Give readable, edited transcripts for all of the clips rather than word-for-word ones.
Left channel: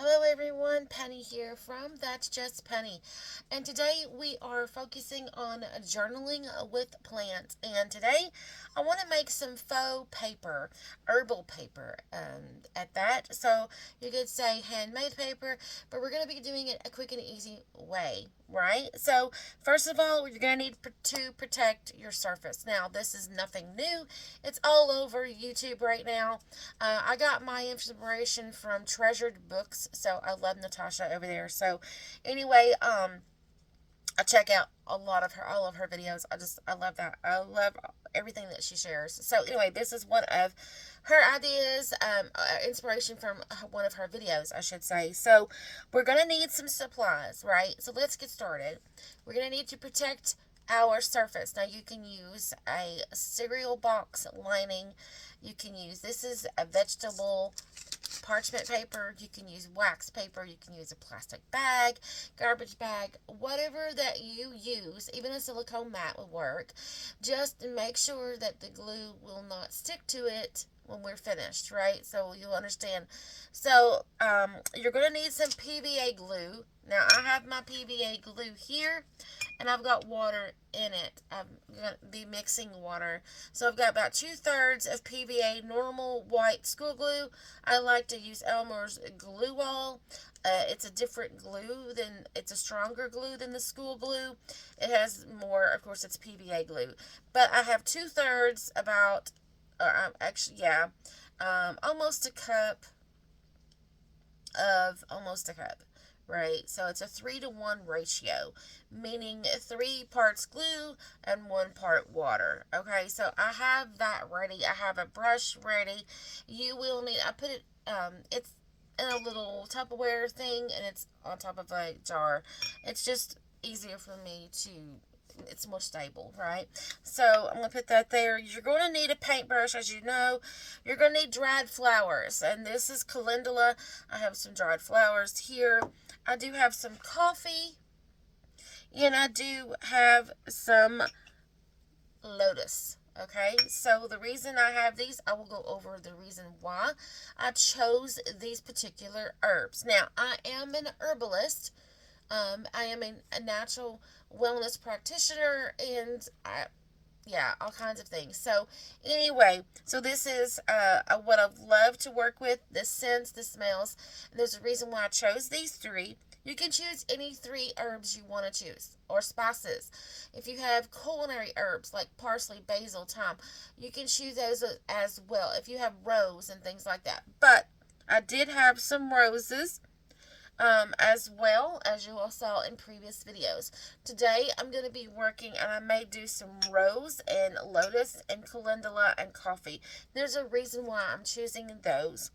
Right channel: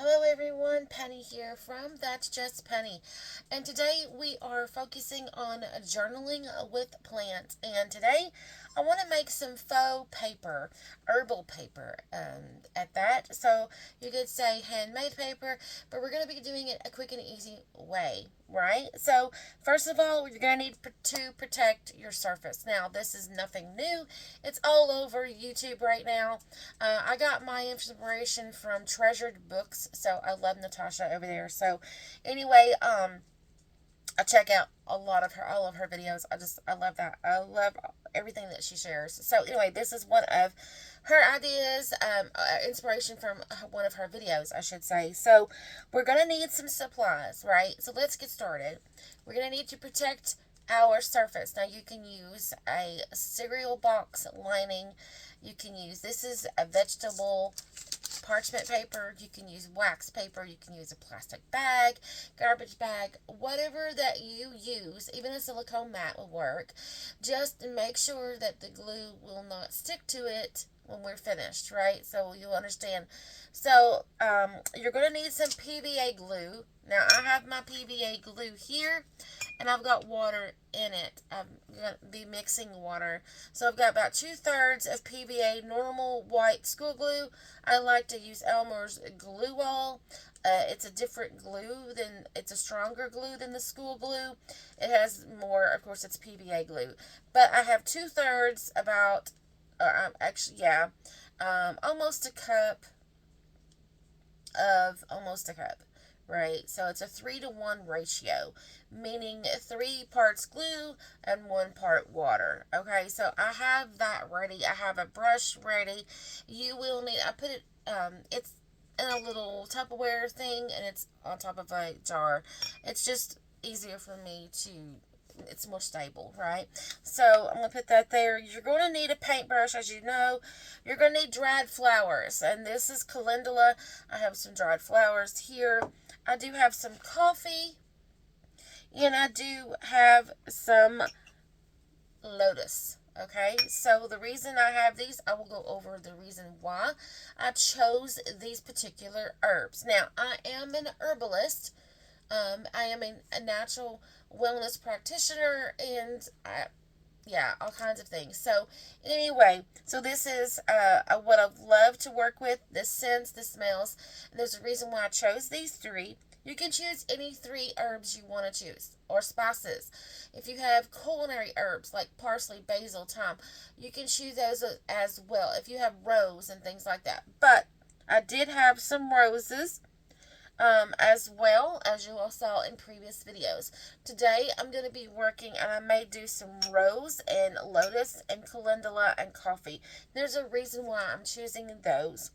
Hello everyone, Penny here from That's Just Penny. And today we are focusing on journaling with plants. And today I want to make some faux paper, herbal paper at that. So you could say handmade paper, but we're going to be doing it a quick and easy way, right? So first of all, you're going to need to protect your surface. Now this is nothing new. It's all over YouTube right now. I got my inspiration from Treasured Books, so I love Natasha over there. So, anyway, I check out all of her videos. I love that. I love everything that she shares. So, anyway, this is one of her ideas, inspiration from one of her videos, I should say. So, we're gonna need some supplies, right? So, let's get started. We're gonna need to protect our surface. Now, you can use a cereal box lining. You can use, this is a vegetable parchment paper. You can use wax paper. You can use a plastic bag, garbage bag, whatever that you use. Even a silicone mat will work. Just make sure that the glue will not stick to it when we're finished, right? So you'll understand. So you're going to need some PVA glue. Now I have my PVA glue here, and I've got water in it. I'm going to be mixing water. So I've got about 2/3 of PVA normal white school glue. I like to use Elmer's Glue Wall. It's a different glue it's a stronger glue than the school glue. It has more, of course, it's PVA glue. But I have 2/3, about, almost a cup, right? So it's a 3-to-1 ratio, meaning 3 parts glue and 1 part water. Okay, so I have that ready. I have a brush ready. You will need, I put it, it's in a little Tupperware thing, and it's on top of a jar. It's just easier for me to, it's more stable, right? So I'm going to put that there. You're going to need a paintbrush, as you know. You're going to need dried flowers, and this is calendula. I have some dried flowers here. I do have some coffee, and I do have some lotus. Okay, so the reason I have these, I will go over the reason why I chose these particular herbs. Now, I am an herbalist. I am a natural wellness practitioner, and all kinds of things. So anyway, so this is what I love to work with. The scents, the smells. And there's a reason why I chose these 3. You can choose any 3 herbs you want to choose, or spices. If you have culinary herbs like parsley, basil, thyme, you can choose those as well. If you have rose and things like that. But I did have some roses as well, as you all saw in previous videos. Today I'm going to be working, and I may do some rose and lotus and calendula and coffee. There's a reason why I'm choosing those.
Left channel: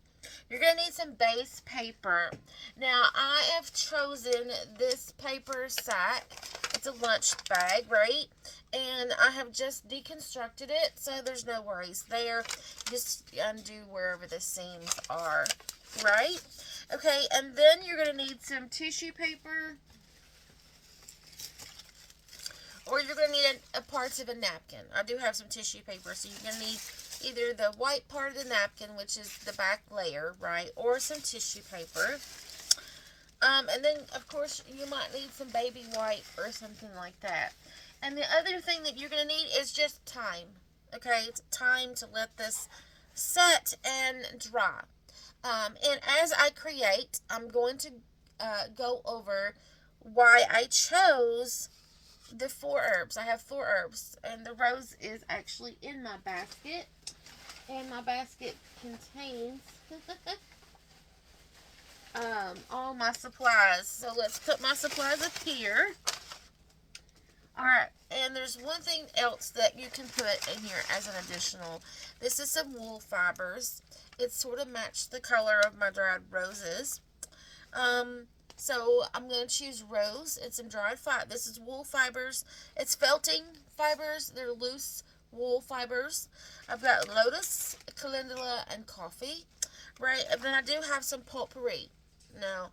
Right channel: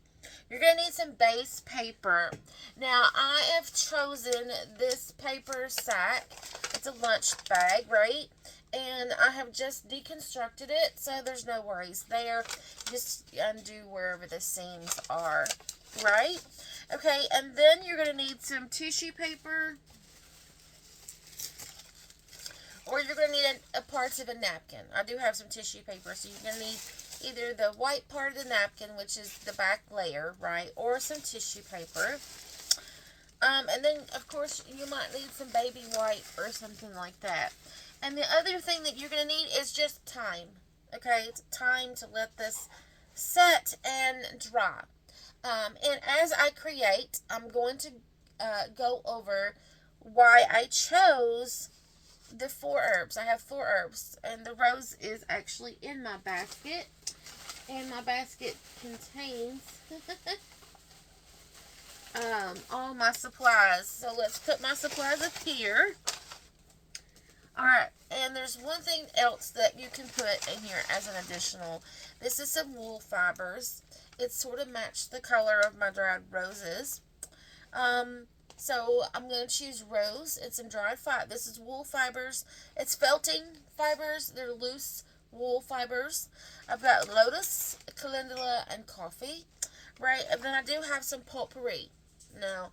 You're going to need some base paper. Now I have chosen this paper sack. It's a lunch bag, right? And I have just deconstructed it, so there's no worries there. Just undo wherever the seams are, right? Okay, and then you're going to need some tissue paper, or you're going to need a parts of a napkin. I do have some tissue paper, so you're going to need either the white part of the napkin, which is the back layer, right, or some tissue paper. And then, of course, you might need some baby white or something like that. And the other thing that you're going to need is just time, okay? It's time to let this set and dry. And as I create, I'm going to go over why I chose the 4 herbs. I have 4 herbs, and the rose is actually in my basket. And my basket contains all my supplies. So let's put my supplies up here. Alright, and there's one thing else that you can put in here as an additional. This is some wool fibers. It sort of matched the color of my dried roses. So I'm going to choose rose and some dried fiber. This is wool fibers. It's felting fibers. They're loose wool fibers. I've got lotus, calendula, and coffee. Right, and then I do have some potpourri. Now,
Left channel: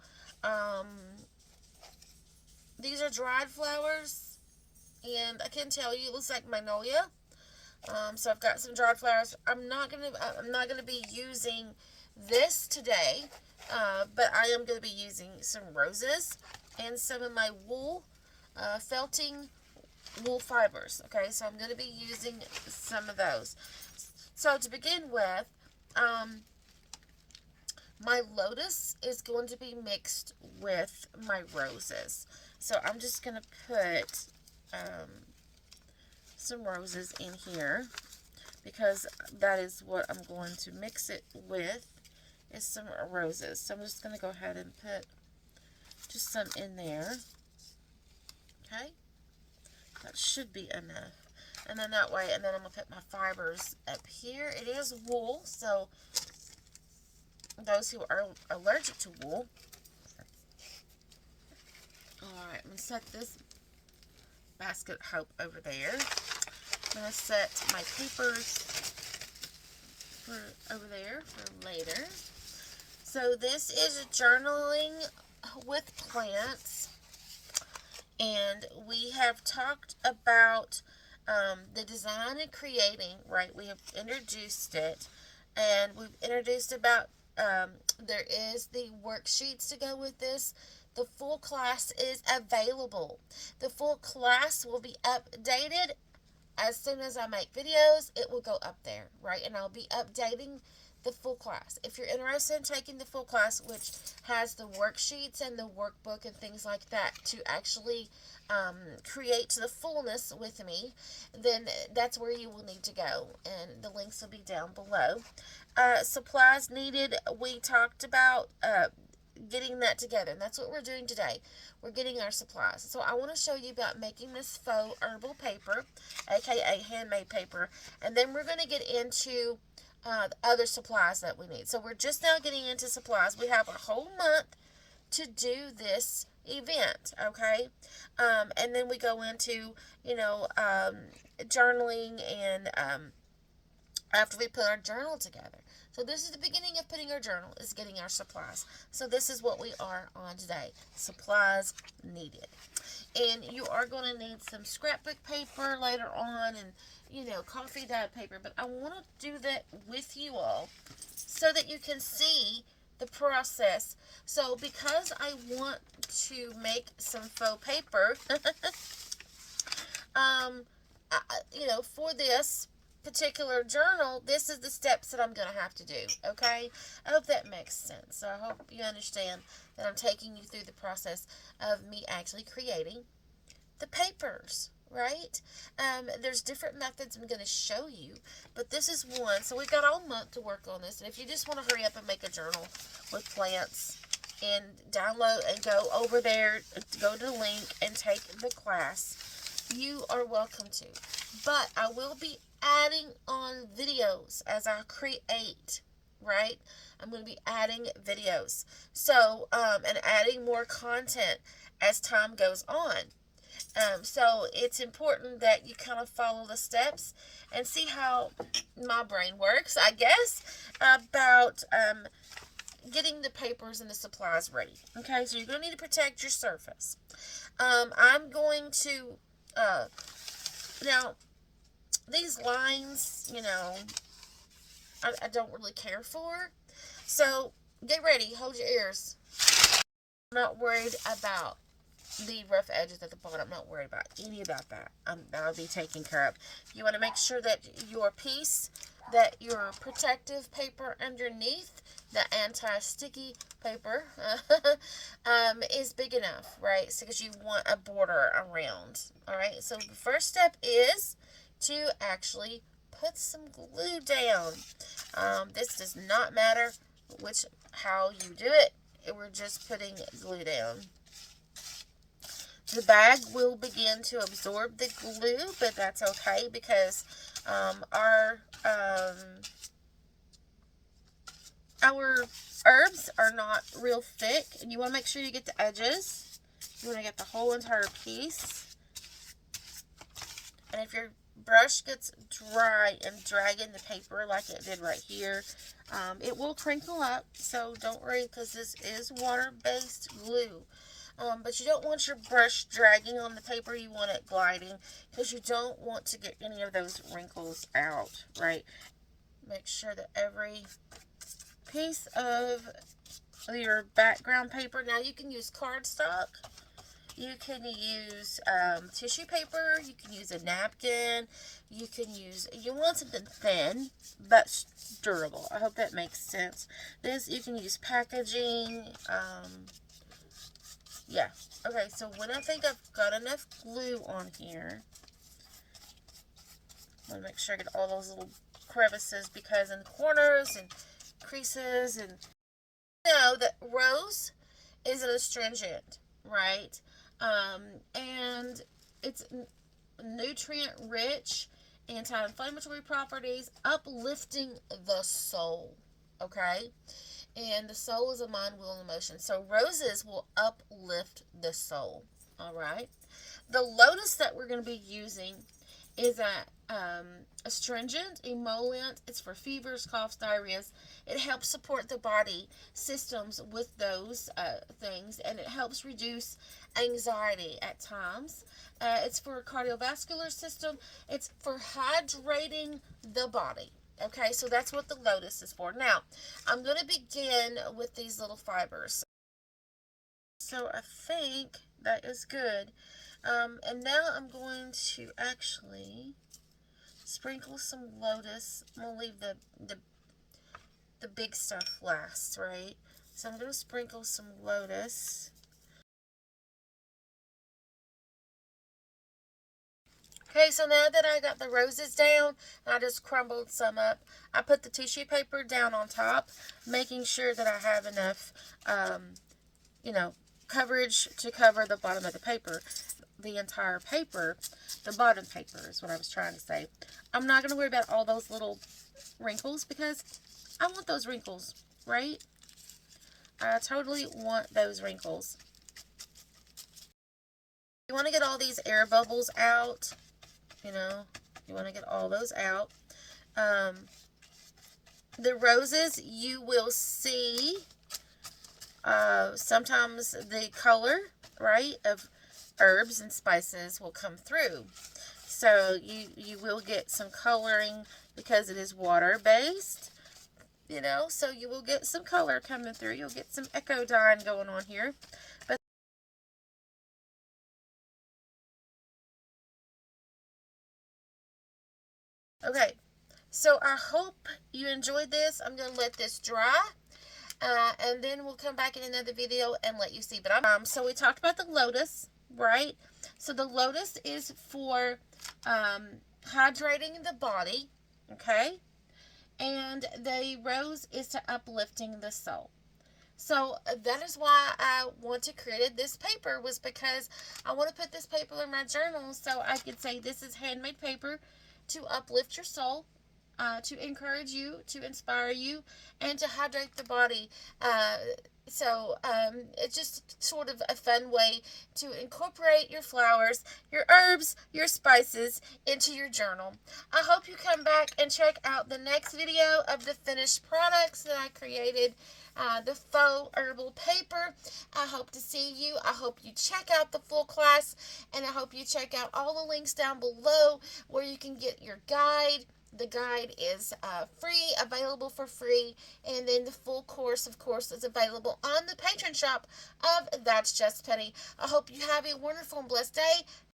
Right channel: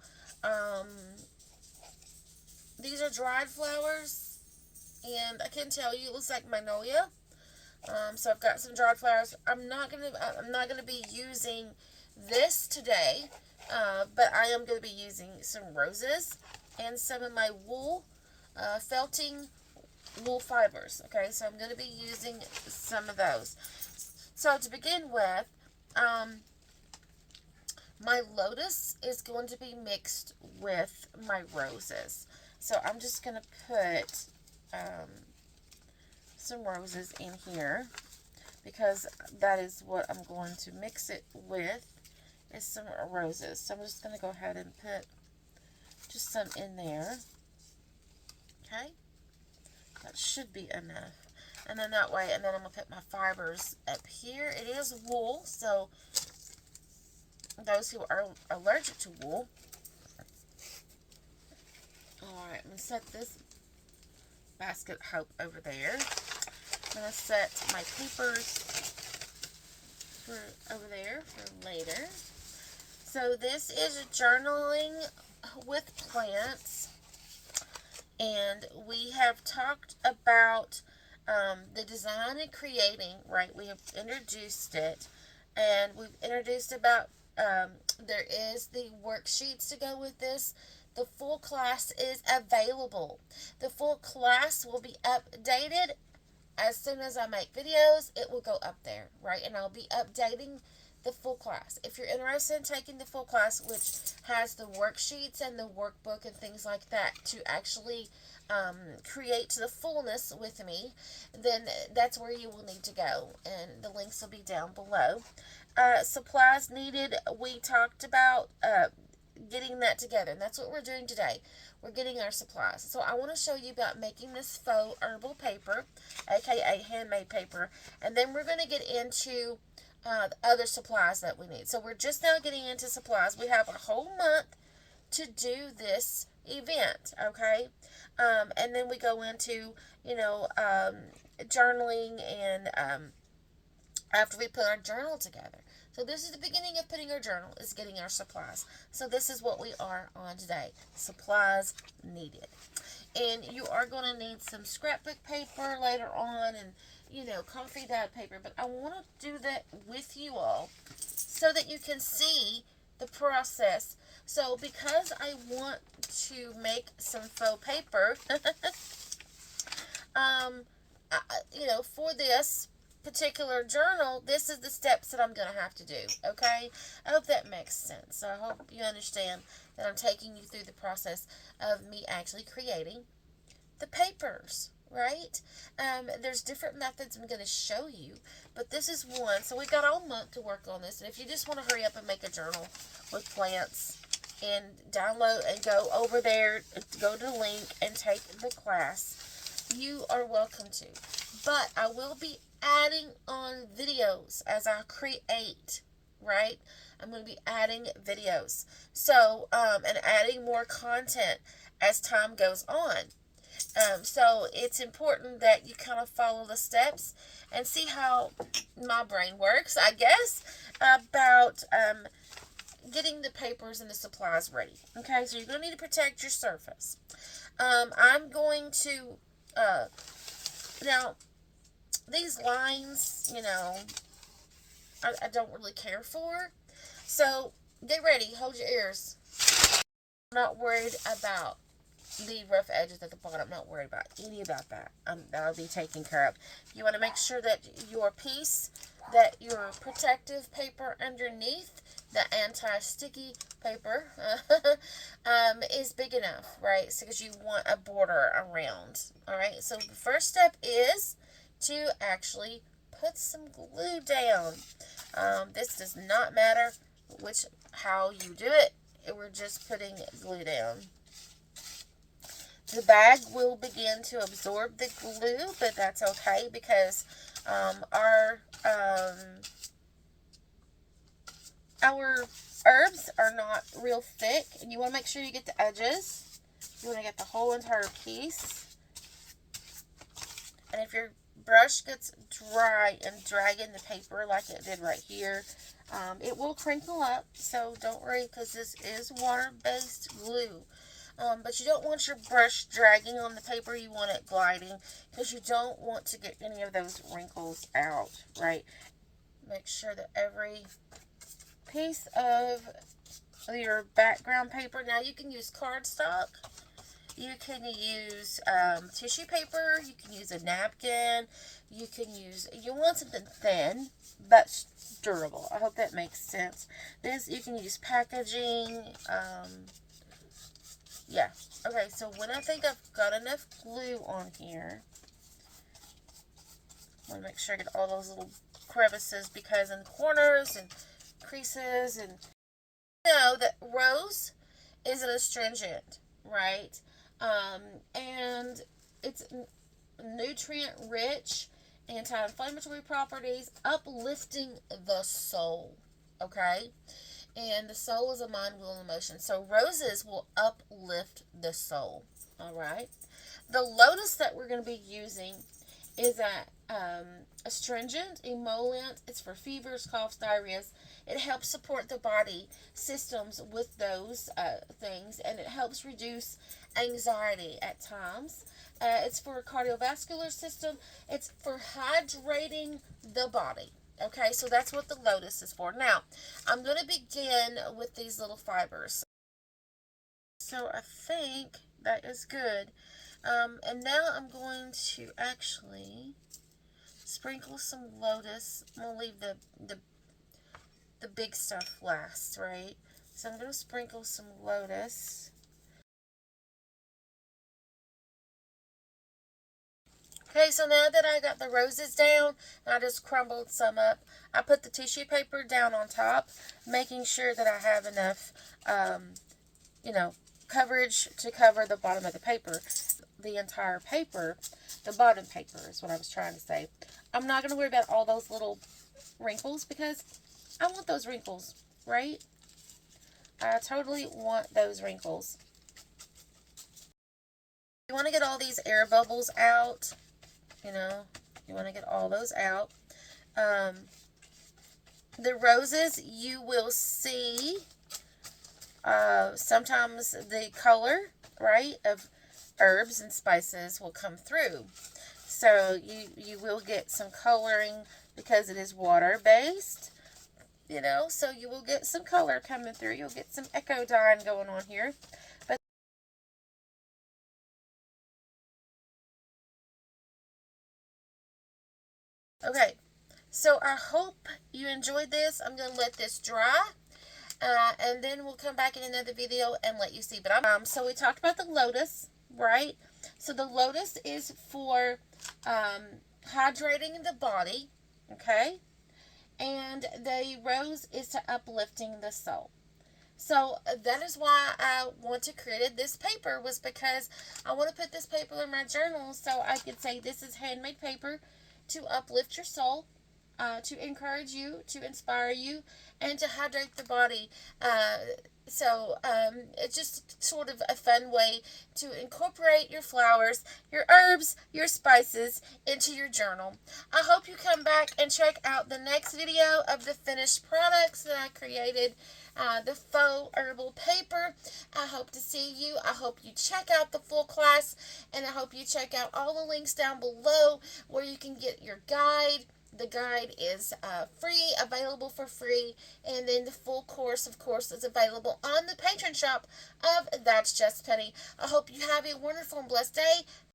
these are dried flowers, and I can tell you it looks like magnolia. So I've got some dried flowers. I'm not gonna be using this today. but I am going to be using some roses and some of my wool, felting wool fibers. Okay, so I'm going to be using some of those. So to begin with, my lotus is going to be mixed with my roses. So I'm just going to put some roses in here, because that is what I'm going to mix it with, is some roses. So I'm just going to go ahead and put just some in there. Okay, that should be enough. And then that way, and then I'm going to put my fibers up here. It is wool, so those who are allergic to wool. Alright, I'm going to set this basket hope over there. I'm going to set my papers for over there for later. So this is journaling with plants, and we have talked about the design and creating, right? We have introduced it, and we've introduced about there is the worksheets to go with this. The full class is available. The full class will be updated as soon as I make videos. It will go up there, right? And I'll be updating the full class. If you're interested in taking the full class, which has the worksheets and the workbook and things like that to actually create to the fullness with me, then that's where you will need to go, and the links will be down below. Supplies needed, we talked about getting that together, and that's what we're doing today. We're getting our supplies. So I want to show you about making this faux herbal paper, aka handmade paper, and then we're going to get into the other supplies that we need. So we're just now getting into supplies. We have a whole month to do this event, okay? And then we go into, journaling, and after we put our journal together. So this is the beginning of putting our journal, is getting our supplies. So this is what we are on today. Supplies needed. And you are going to need some scrapbook paper later on, and, coffee dyed paper. But I want to do that with you all so that you can see the process. So because I want to make some faux paper, for this particular journal, this is the steps that I'm going to have to do, okay? I hope that makes sense. So I hope you understand that I'm taking you through the process of me actually creating the papers, right? There's different methods I'm going to show you, but this is one. So we've got all month to work on this, and if you just want to hurry up and make a journal with plants and download and go over there, go to the link and take the class, you are welcome to. But I will be adding on videos as I create, right? I'm going to be adding videos. So, and adding more content as time goes on. So it's important that you kind of follow the steps and see how my brain works, I guess, about getting the papers and the supplies ready. Okay, so you're going to need to protect your surface. I'm going to, now, these lines, I don't really care for. So, get ready. Hold your ears. I'm not worried about the rough edges at the bottom. I'm not worried about any about that. That'll be taken care of. You want to make sure that your piece, that your protective paper underneath, the anti-sticky paper, is big enough, right? So, because you want a border around. All right. So, the first step is to actually put some glue down. This does not matter how you do it. We're just putting glue down. The bag will begin to absorb the glue, but that's okay because our herbs are not real thick, and you want to make sure you get the edges. You want to get the whole entire piece. And if your brush gets dry and dragging the paper like it did right here, it will crinkle up, so don't worry, because this is water-based glue. But you don't want your brush dragging on the paper. You want it gliding, because you don't want to get any of those wrinkles out, right? Make sure that every piece of your background paper. Now you can use cardstock. You can use tissue paper. You can use a napkin. You want something thin but durable. I hope that makes sense. You can use packaging. Yeah. Okay, so when I think I've got enough glue on here, I want to make sure I get all those little crevices, because in corners and creases, and that rose is an astringent, right? And it's nutrient rich, anti-inflammatory properties, uplifting the soul. Okay? And the soul is a mind, will, and emotion. So roses will uplift the soul. All right? The lotus that we're going to be using is a astringent, emollient. It's for fevers, coughs, diarrheas. It helps support the body systems with those things, and it helps reduce anxiety at times. It's for cardiovascular system. It's for hydrating the body. Okay, so that's what the lotus is for. Now, I'm going to begin with these little fibers. So I think that is good. And now I'm going to actually sprinkle some lotus. I'm going to leave the big stuff last, right? So I'm going to sprinkle some lotus. Okay, so now that I got the roses down, I just crumbled some up. I put the tissue paper down on top, making sure that I have enough, coverage to cover the bottom of the paper. The entire paper, the bottom paper is what I was trying to say. I'm not going to worry about all those little wrinkles, because I want those wrinkles, right? I totally want those wrinkles. You want to get all these air bubbles out. You want to get all those out. The roses, you will see sometimes the color, right, of herbs and spices will come through. So you will get some coloring because it is water-based, so you will get some color coming through. You'll get some echo dyeing going on here. But okay, so I hope you enjoyed this. I'm going to let this dry. And then we'll come back in another video and let you see. But so we talked about the lotus, right? So the lotus is for hydrating the body, okay? And the rose is to uplifting the soul. So that is why I want to create this paper, was because I want to put this paper in my journal so I could say this is handmade paper to uplift your soul, to encourage you, to inspire you, and to hydrate the body. So it's just sort of a fun way to incorporate your flowers, your herbs, your spices into your journal. I hope you come back and check out the next video of the finished products that I created. The faux herbal paper. I hope to see you. I hope you check out the full class, and I hope you check out all the links down below where you can get your guide. The guide is free, available for free, and then the full course, of course, is available on the Patreon shop of That's Just Penny. I hope you have a wonderful and blessed day.